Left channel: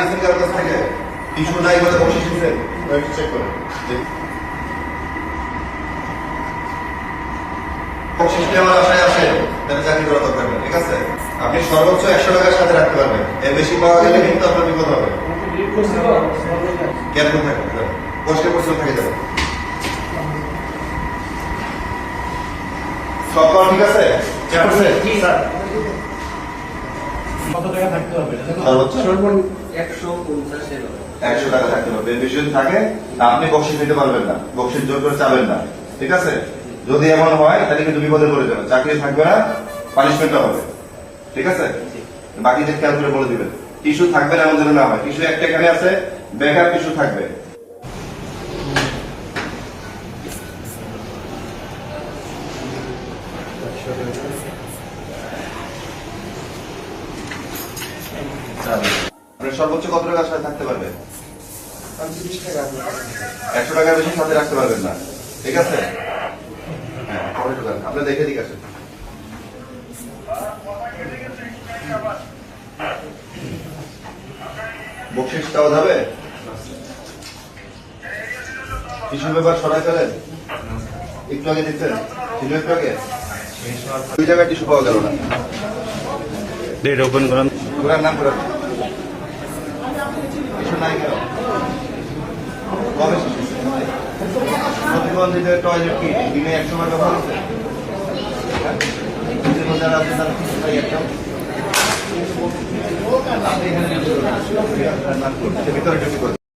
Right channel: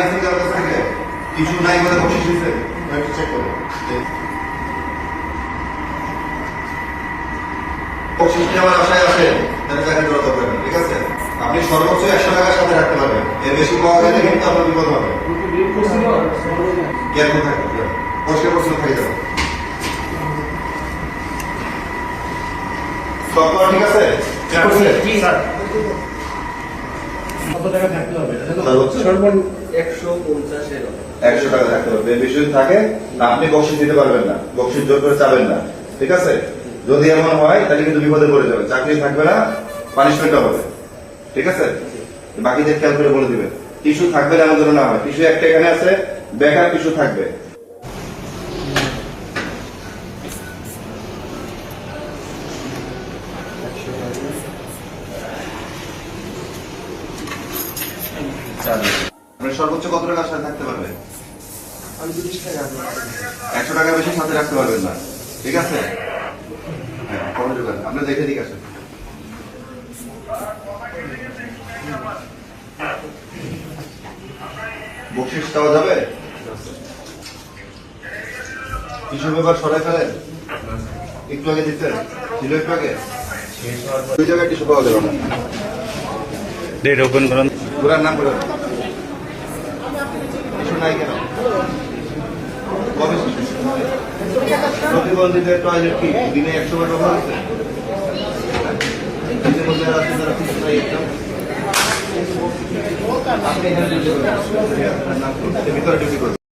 নিছেন কারো কাছ থেকে কিছু নাই বলে বসে দিচ্ছেন চেক করুন বকশিস দেওয়ার আশায় আসেন তাহলে চাকরি করা দরকার নেই, ঠিক আছে? আপনি সর্বোচ্চ 100 টাকার সাথে রাখতে পারবেন, এর বেশি পাওয়া গেলে কিন্তু আপনার বিপদ হবে। জ্ঞান থাকবে কষ্ট করতে থেকে যাবে। সব ঠিক আছে? কত টাকা থাকতে হবে? সর্বনিম্ন 150 100 টাকা থাকতে হবে, এর বেশি যদি থাকে আপনি বকশিস দিতে পারবেন না, বকশিস জোর করে চাবেন না, ঠিক আছে? যদি এমন হয় তাহলে কিন্তু বিপদে পড়ে যাবে, চাকরি থাকবে না, পানিশমেন্টও হবে, ঠিক আছে? বাকিদের খেয়াল করে বলে দিবেন। টিস্যু থাকবে না এমন যেন না হয়, টিস্যু একটা এখানে আছে, ব্যাকআপ টিস্যু থাকবে। আপনার সর্বোচ্চ কত টাকা সাথে থাকতে পারবে? 100 টাকার বেশি সাথে রাখতে পারবেন না, ঠিক আছে? হ্যাঁ, কবে ঢুকান? আপনি দেখে দিক আছে। বকশিস দেওয়া যাবে? টিস্যু পেপার সরাই ফেলেন, একটু আগে দিচ্ছেন, ছিল একটু আগে দুই জায়গায় টিস্যু পাওয়া যাবে না। ডেট ওপেন করেন। ঘোরার নাম ঘোরার কিছু নাই কেন? কবে প্রতিবন্ধীদের টয়লেট কি দিনে 100 বার ব্যবহার হচ্ছে? যারা আছে তারা কিছু নাই একদম। ভিতরে ঢুকে করবেন।